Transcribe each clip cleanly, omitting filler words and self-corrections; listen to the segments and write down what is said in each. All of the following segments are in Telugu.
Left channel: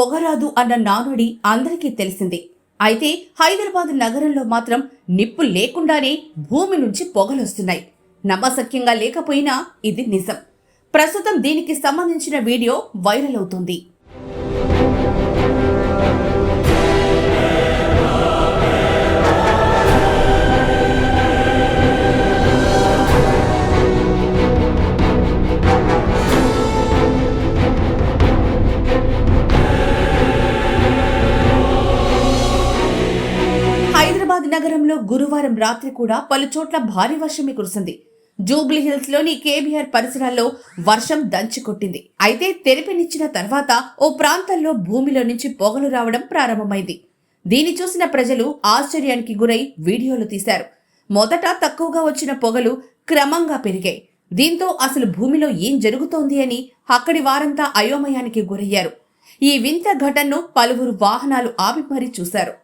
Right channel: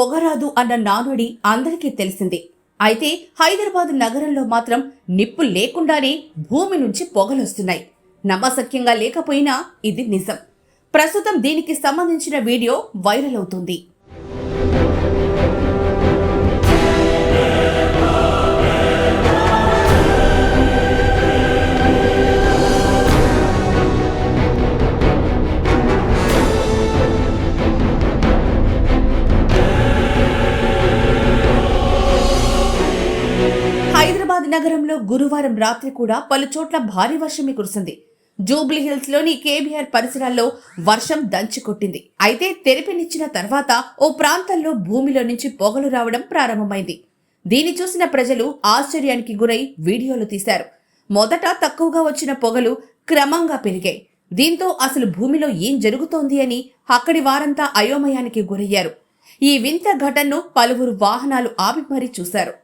పొగరాదు అన్న నానుడి అందరికీ తెలిసిందే. అయితే హైదరాబాద్ నగరంలో మాత్రం నిప్పు లేకుండానే భూమి నుంచి పొగలొస్తున్నాయి. నమ్మశక్యంగా లేకపోయినా ఇది నిజం. ప్రస్తుతం దీనికి సంబంధించిన వీడియో వైరల్ అవుతుంది. హైదరాబాద్ నగరంలో గురువారం రాత్రి కూడా పలుచోట్ల భారీ వర్షమే కురిసింది. జూబ్లీహిల్స్ లోని కేబీఆర్ పరిసరాల్లో వర్షం దంచికొట్టింది. అయితే తెరిపినిచ్చిన తర్వాత ఓ ప్రాంతంలో భూమిలో నుంచి పొగలు రావడం ప్రారంభమైంది. దీన్ని చూసిన ప్రజలు ఆశ్చర్యానికి గురై వీడియోలు తీశారు. మొదట తక్కువగా వచ్చిన పొగలు క్రమంగా పెరిగాయి. దీంతో అసలు భూమిలో ఏం జరుగుతోంది అని అక్కడి వారంతా అయోమయానికి గురయ్యారు. ఈ వింత ఘటనను పలువురు వాహనాలు ఆపి మరీ చూశారు.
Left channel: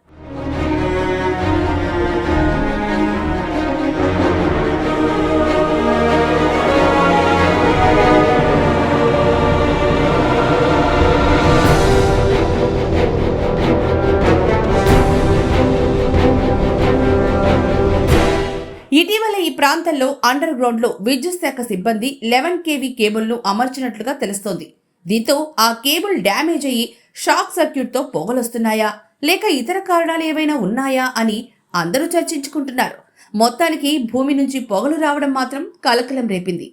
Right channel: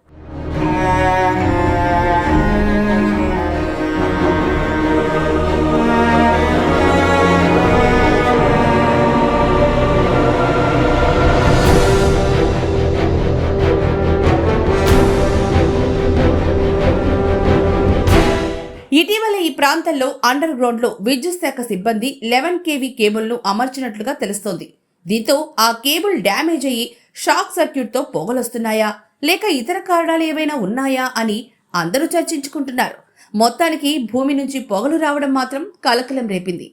ఇటీవల ఈ ప్రాంతంలో అండర్ గ్రౌండ్ లో విద్యుత్ శాఖ సిబ్బంది 11 kV కేబుల్ను అమర్చినట్లుగా తెలుస్తోంది. దీంతో ఆ కేబుల్ డ్యామేజ్ అయ్యి షాక్ సర్క్యూట్ తో పొగలొస్తున్నాయా లేక ఇతర కారణాలు ఏవైనా ఉన్నాయా అని అందరూ చర్చించుకుంటున్నారు. మొత్తానికి భూమి నుంచి పొగలు రావడం మాత్రం కలకలం రేపింది.